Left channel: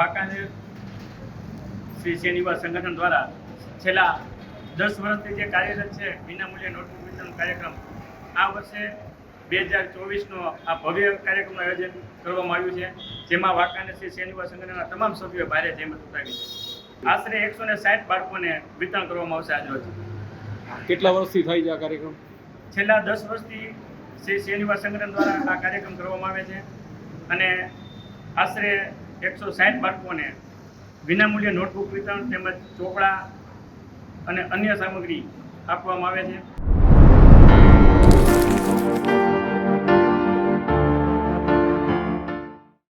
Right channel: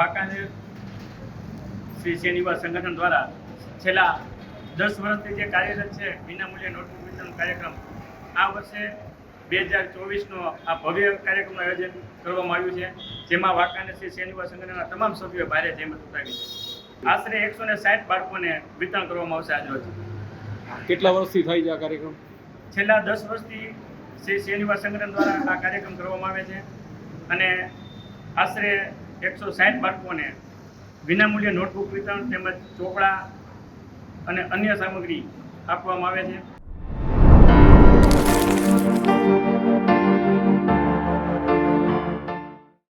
વાંકાનેર શ્રી સેનિવા સંગઠન દ્વારા છેલ્લા 10 વર્ષથી જે કાર્યરત છે વિનામૂલ્યે નોટબુક વિતરણ કાર્યક્રમ, આ વર્ષે 2024નો આ ભવ્ય કાર્યક્રમનું આયોજન કરવામાં આવ્યું છે, જેમાં વાંકાનેર શ્રી સેનિવા સંગઠનના તમામ સભ્યોએ ભારે જહેમત ઉઠાવી છે. આશરે 160 બાળકોને વિતરણ કરવામાં આવશે આજરોજ. કેટલા વર્ષથી થાય છે આ કાર્યક્રમ? છેલ્લા 10 વર્ષથી શ્રી સેનિવા સંગઠન દ્વારા આ કાર્યક્રમ કરવામાં આવે છે અને આશરે 160 બાળકોને વિનામૂલ્યે નોટબુક વિતરણ તેમજ ચોપડા અને અન્ય સામગ્રી આપવામાં આવે છે.